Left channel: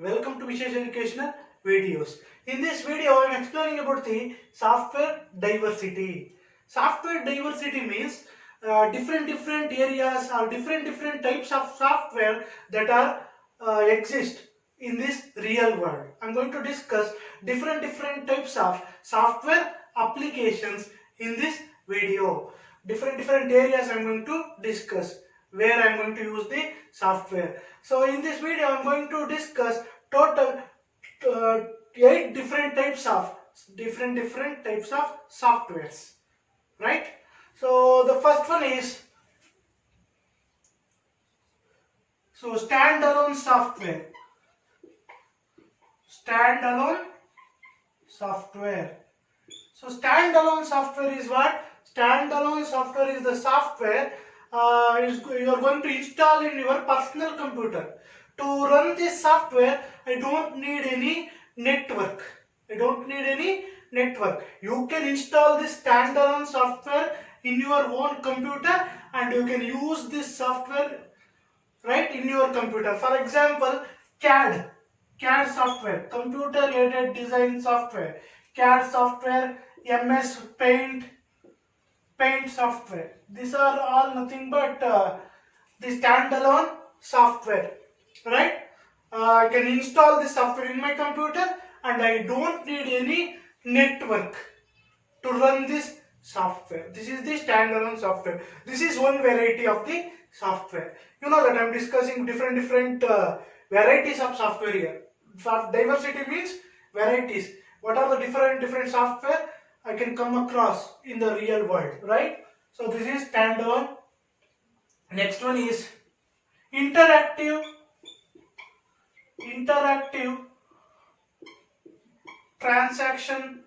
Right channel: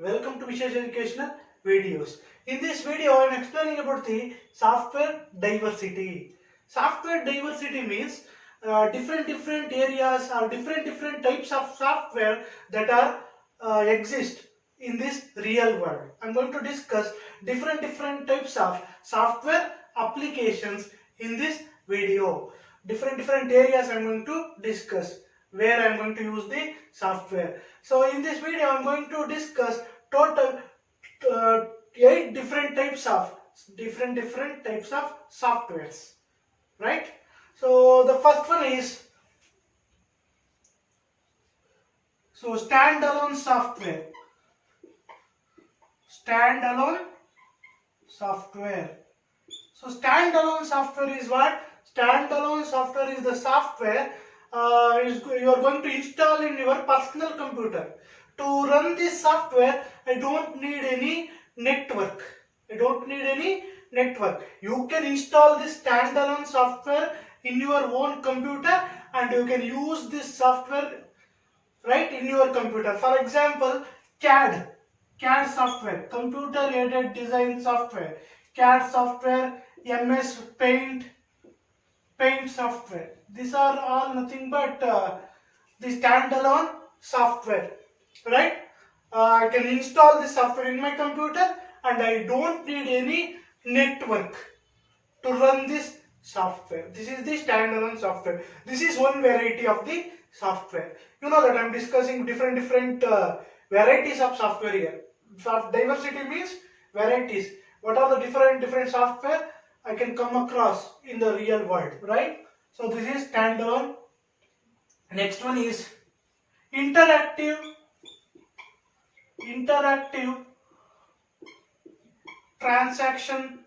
Welcome to Vishesh Educational Videos. In this video, I am explaining about the software diversity. Software diversity means different areas or different types of software that are exist in this real world. I am going to discuss different types of software applications in this video. Different areas I am going to discuss where I am going to use the software. So in this video I am going to discuss total uh, 8 different types of softwares, right? So the first one is standalone software. Standalone software. So standalone software is what? Standalone software is the software you are going to install in your personal computer. To run this software, I don't need any network. You can install this standalone software in your own computer and you can use this software right in your computer. For example, CAD software, computer aided design software, CAD software, MS Paint software. These are all nothing but the standalone software, right? I can install this software in my computer and I don't need any network to run this software. This is the standalone software. This is one variety of the software. You know that I am discussing different varieties of software here. Diversity means varieties. What are the different software I can come across in the real world, right? So this is standalone. Next one is interactive transaction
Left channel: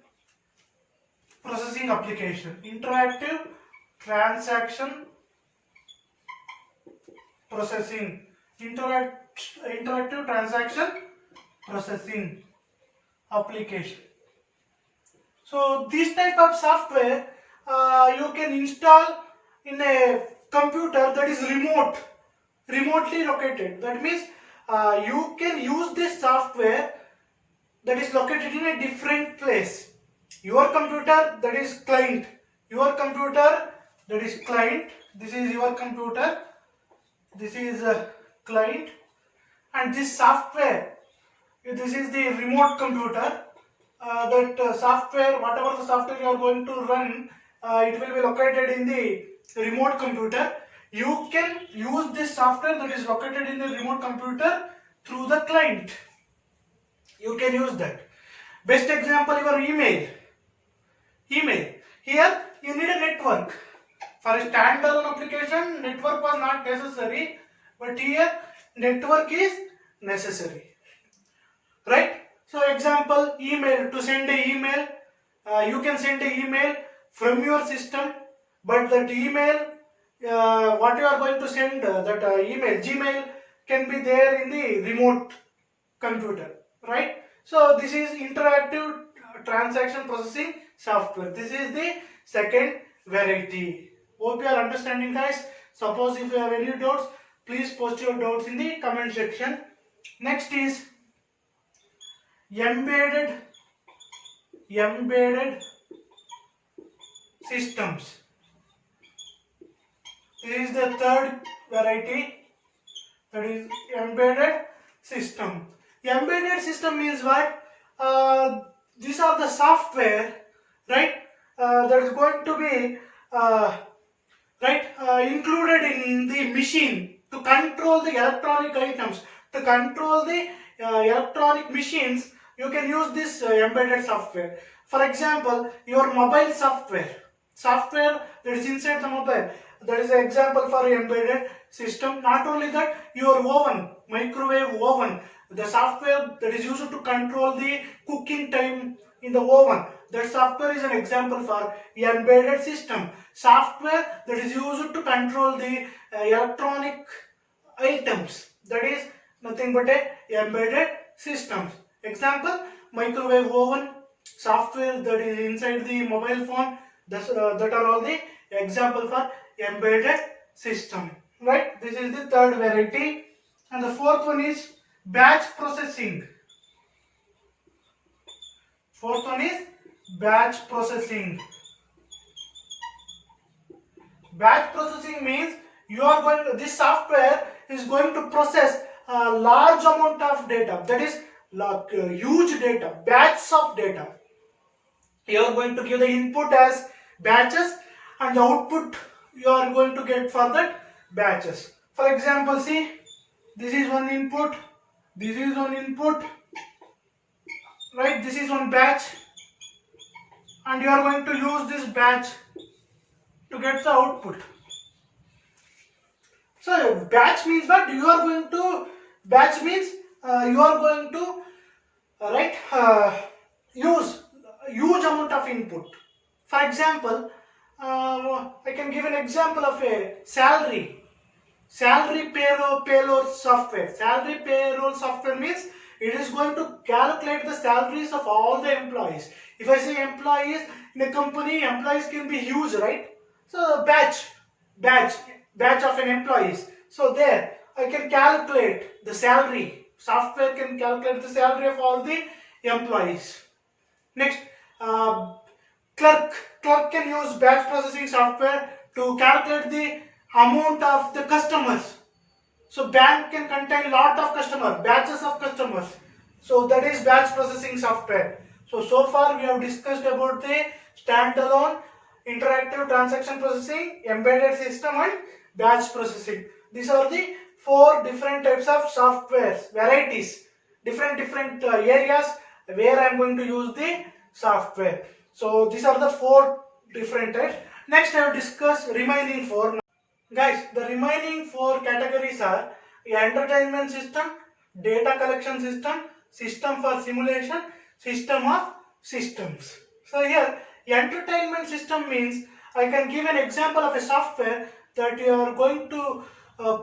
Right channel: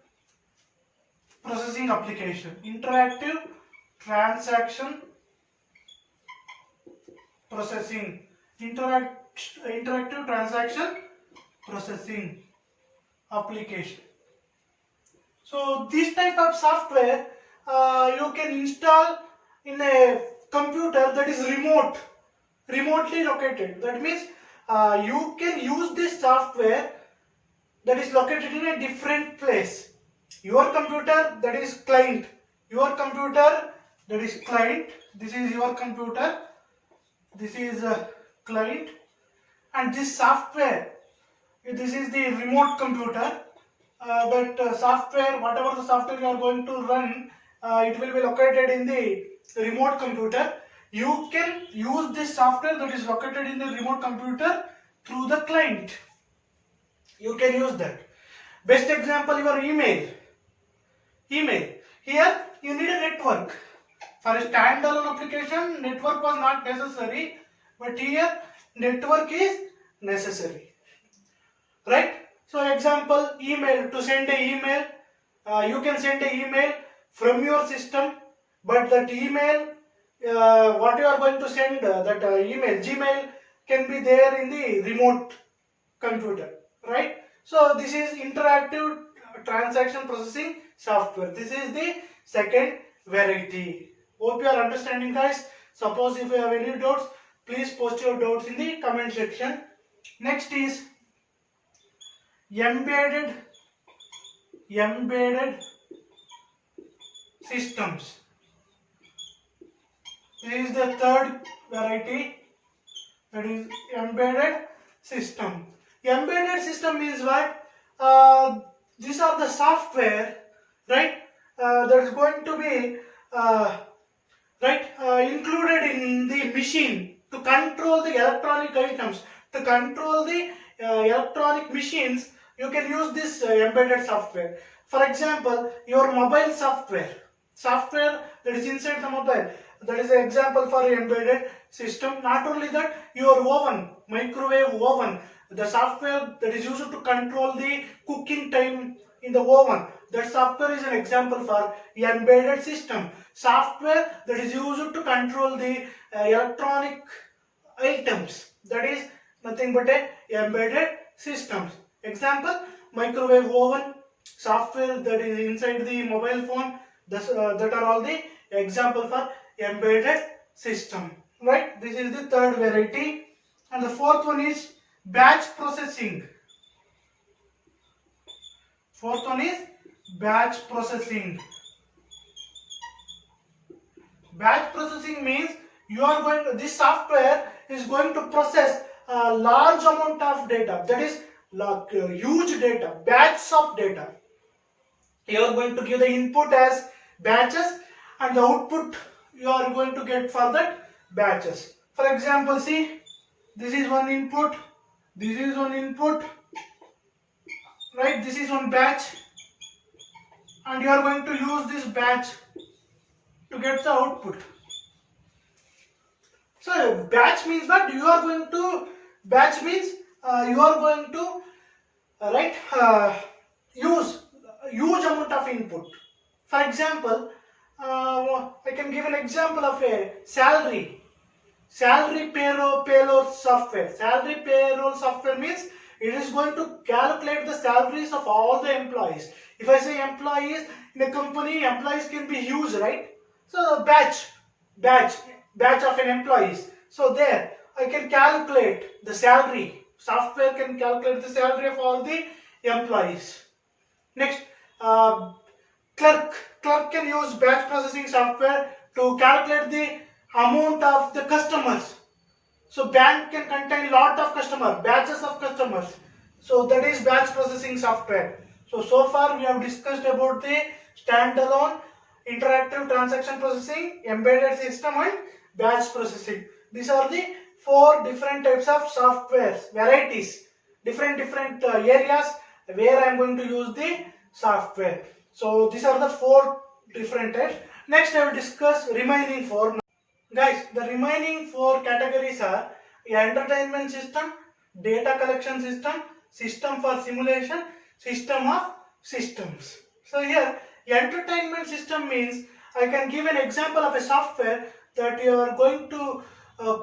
processing application. Interactive transaction processing. Interactive transaction processing application. So this type of software you can install in a computer that is remotely located. That means you can use this software that is located in a different place. Your computer, that is client. Your computer, that is client. This is your computer. This is client. And this software, this is the remote computer. Software, whatever the software you are going to run, it will be located in the remote computer. You can use this software that is located in the remote computer through the client. You can use that. Best example, your email. Here you need a network. For a standalone application, network was not necessary, but here network is necessary, right? So example, email. To send an email, you can send an email from your system, but that email, what you are going to send, email, Gmail, can be there in the remote computer, right? So this is interactive transaction processing software. This is the second variety. Hope you are understanding, guys. Suppose if you have any doubts, please post your doubts in the comment section. Next is embedded systems. This is the third variety, that is embedded system. Embedded system means what? These are the software, right? That is going to be included in the machine to control the electronic items, to control the electronic machines. You can use this embedded software. For example, your mobile software that is inside the mobile, that is an example for embedded system. Not only that, your oven, microwave oven, the software that is used to control the cooking time in the oven, that software is an example for embedded system. Software that is used to control the electronic items, that is nothing but a embedded systems. Example, microwave oven, software that is inside the mobile phone, that are all the example for embedded system, right? This is the third variety. And the fourth one is batch processing. Fourth one is batch processing. Batch processing means this software is going to process a large amount of data, that is like huge data, batches of data. You are going to give the input as batches and the output you are going to get for that batches. For example, see, this is one input, this is one input, right? This is one batch, and you are going to use this batch to get the output. So batch means that you are going to you are going to use a huge amount of input. For example, I can give an example of a salary payroll software. Salary payroll software means it is going to calculate the salaries of all the employees. If I say employees in a company, employees can be huge, right? So batch of an employees. So there I can calculate the salary. Software can calculate the salary of all the employees. Next, clerk can use batch processing software to calculate the amount of the customers. So bank can contain lot of customers, batches of customers. So that is batch processing software. So far we have discussed about the standalone, interactive transaction processing, embedded system and batch processing. These are the 4 different types of softwares, varieties, different areas where I am going to use the software. So these are the 4 different types. Next I will discuss remaining 4. Guys, the remaining 4 categories are entertainment system, data collection system, system for simulation, system of systems. So here, entertainment system means I can give an example of a software that you are going to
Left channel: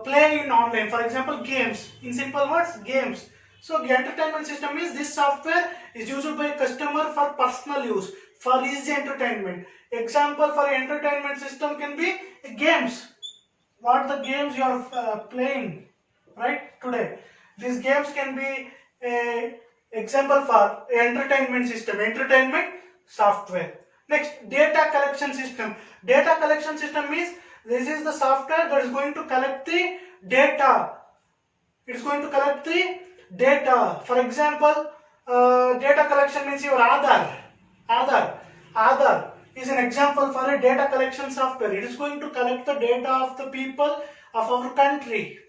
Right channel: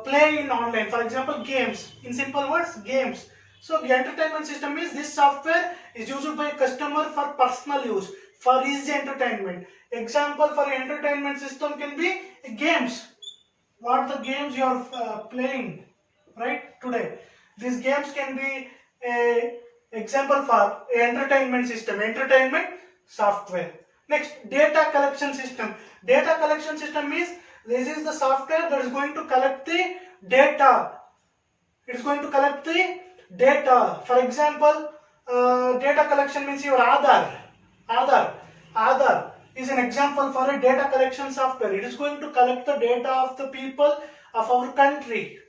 play in online. For example, games. In simple words, games. So the entertainment system is this software is used by a customer for personal use, for his entertainment. Example for entertainment system can be games. What the games you are playing right today. These games can be a example for entertainment system, entertainment software. Next, data collection system. Data collection system means this is the software that is going to collect the data. It's going to collect the data. For example, data collection means your Aadhaar is an example for a data collection software. It is going to collect the data of the people of our country,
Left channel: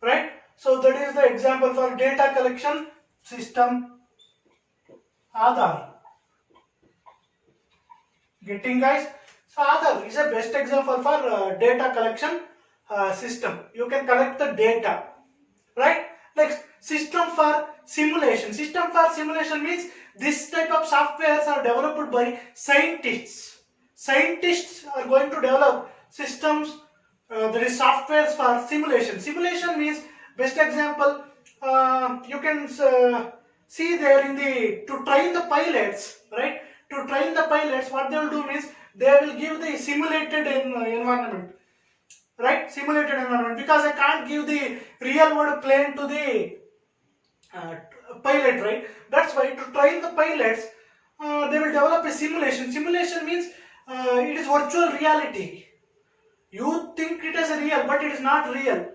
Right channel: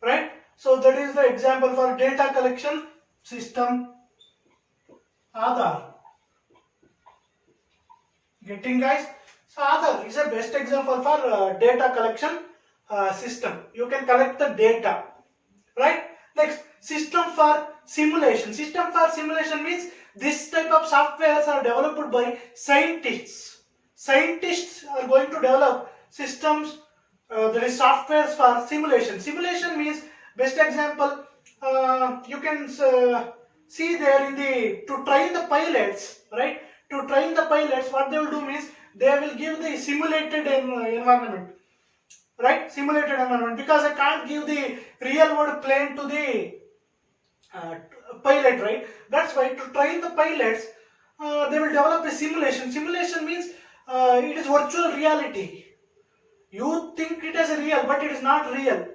right? So that is the example for data collection system, Aadhaar. Getting, guys? So Aadhaar is a best example for data collection system. You can collect the data, right? Next, system for simulation. System for simulation means this type of softwares are developed by scientists. Scientists are going to develop systems, there is softwares for simulation. Simulation means, best example, you can see there in the, to train the pilots, right? To train the pilots, what they will do means, they will give the simulated environment, right? Simulated environment, because I can't give the real world plane to the pilot, right? That's why to train the pilots, they will develop a simulation. Simulation means it is virtual reality. You think it is real, but it is not real.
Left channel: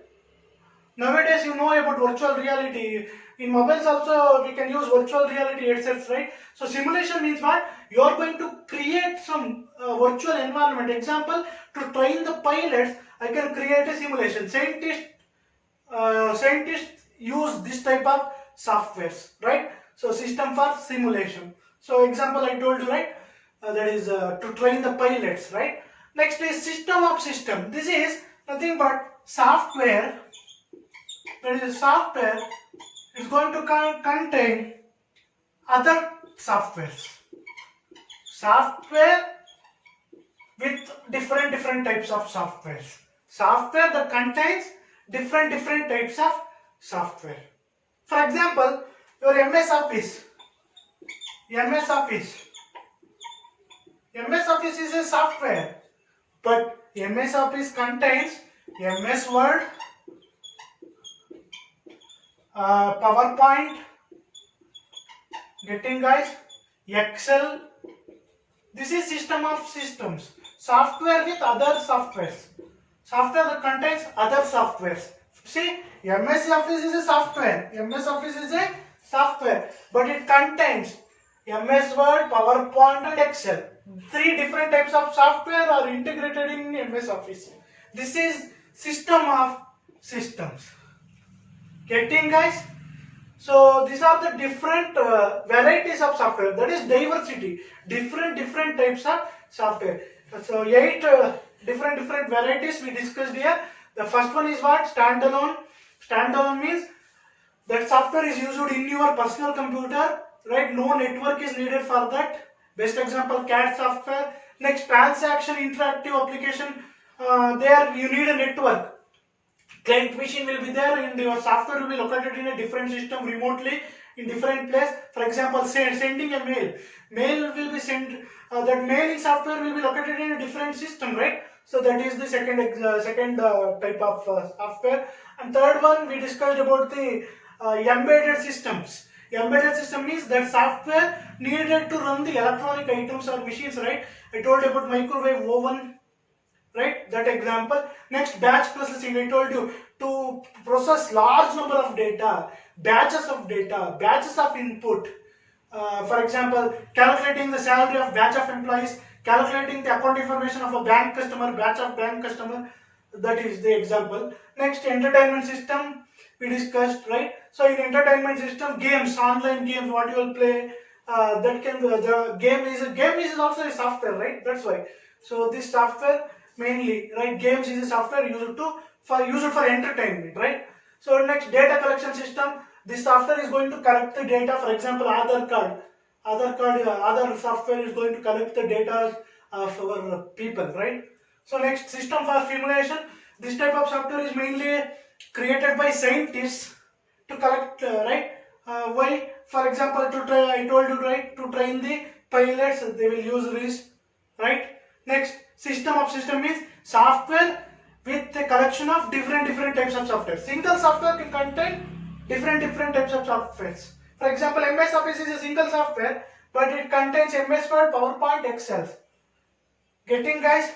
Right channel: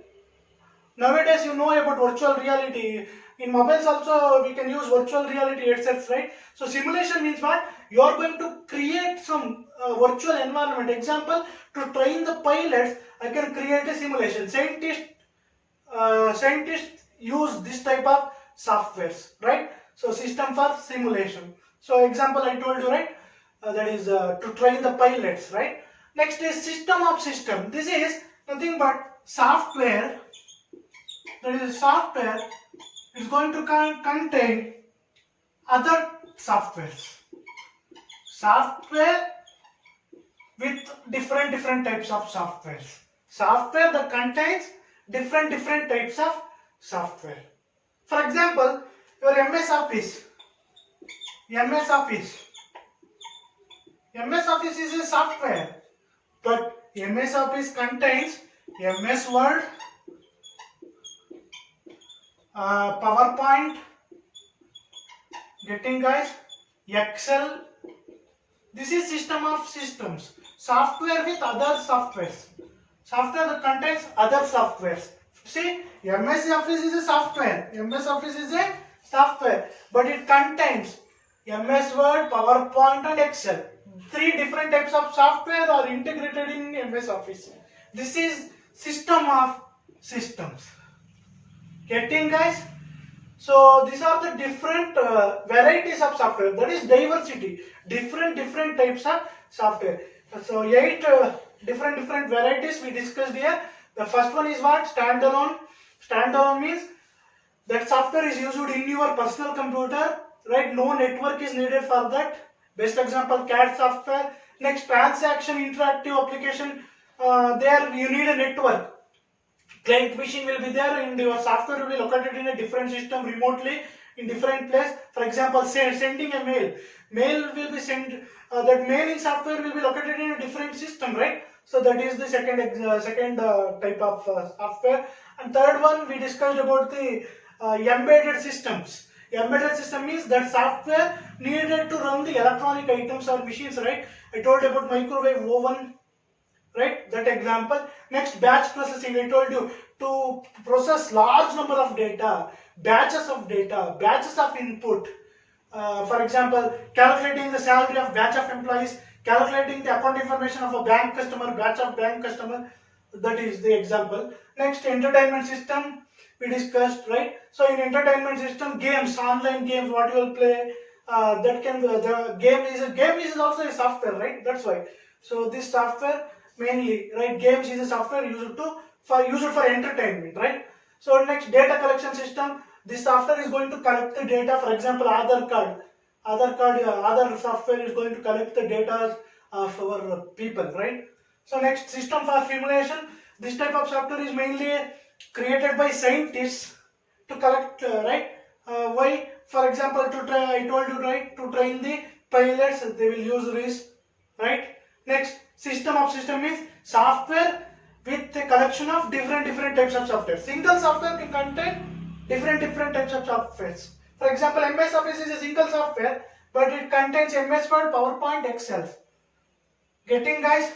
Nowadays, you know about virtual reality. In mobiles also, we can use virtual reality headsets, right? So simulation means what? You are going to create some virtual environment. Example, to train the pilots, I can create a simulation. Scientists use this type of softwares, right? So system for simulation. So example I told you, right? That is to train the pilots, right? Next is system of system. This is nothing but software. That is software is going to contain other softwares. Software with different types of softwares. Software that contains different types of software. For example, your MS Office. MS Office is a software, but MS Office contains MS Word, PowerPoint, getting guys, Excel. This is system of systems, software with other softwares, software that contains other softwares. See, MS Office is a software, MS Office is a software, but it contains MS Word, PowerPoint and Excel. Three different types of software are integrated in MS Office. This is system of systems. Getting guys? So these are the different varieties of software. That is diversity. Different types of software. So 8 different varieties we discussed here. The first one is what? Standalone. Standalone means that software is used in your personal computer, right? No network is needed for that. Best example, CAD software. Next, transaction interactive application. There you need a network. Client machine will be there and your software will be located in a different system remotely in different place. For example, sending a mail. Mail will be sent. That mailing software will be located in a different system, right? So that is the second type of software. And third one we discussed about the embedded systems. Embedded system means that software needed to run the electronic items or machines, right? I told you about microwave, oven, right? That example. Next, batch processing. I told you to process large number of data, batches of input. For example, calculating the salary of batch of employees, calculating the account information of a bank customer, batch of bank customer. That is the example. Next, entertainment system we discussed, right? So in entertainment system, games, online games, what you will play, that can be the game is also a software, right? That's why. So this software mainly, right? Games is a software used for entertainment, right? So next, data collection system. This software is going to collect the data. For example, Aadhaar software is going to collect the data of our people, right? So next, system for simulation. This type of software is mainly created by scientists to collect, right? Why? For example, to train the pilots, they will use this, right? Next, system of system means software with a collection of different types of software. Single software can contain different types of softwares. For example, MS Office is a single software, but it contains MS Word, PowerPoint, Excel. Getting guys?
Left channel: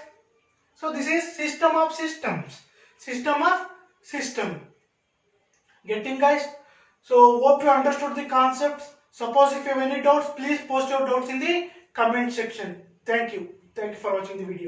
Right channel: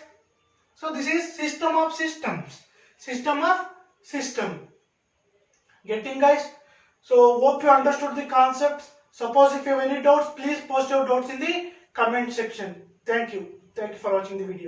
So this is system of systems. System of system. Getting guys? So hope you understood the concepts. Suppose if you have any doubts, please post your doubts in the comment section. Thank you. Thank you for watching the video.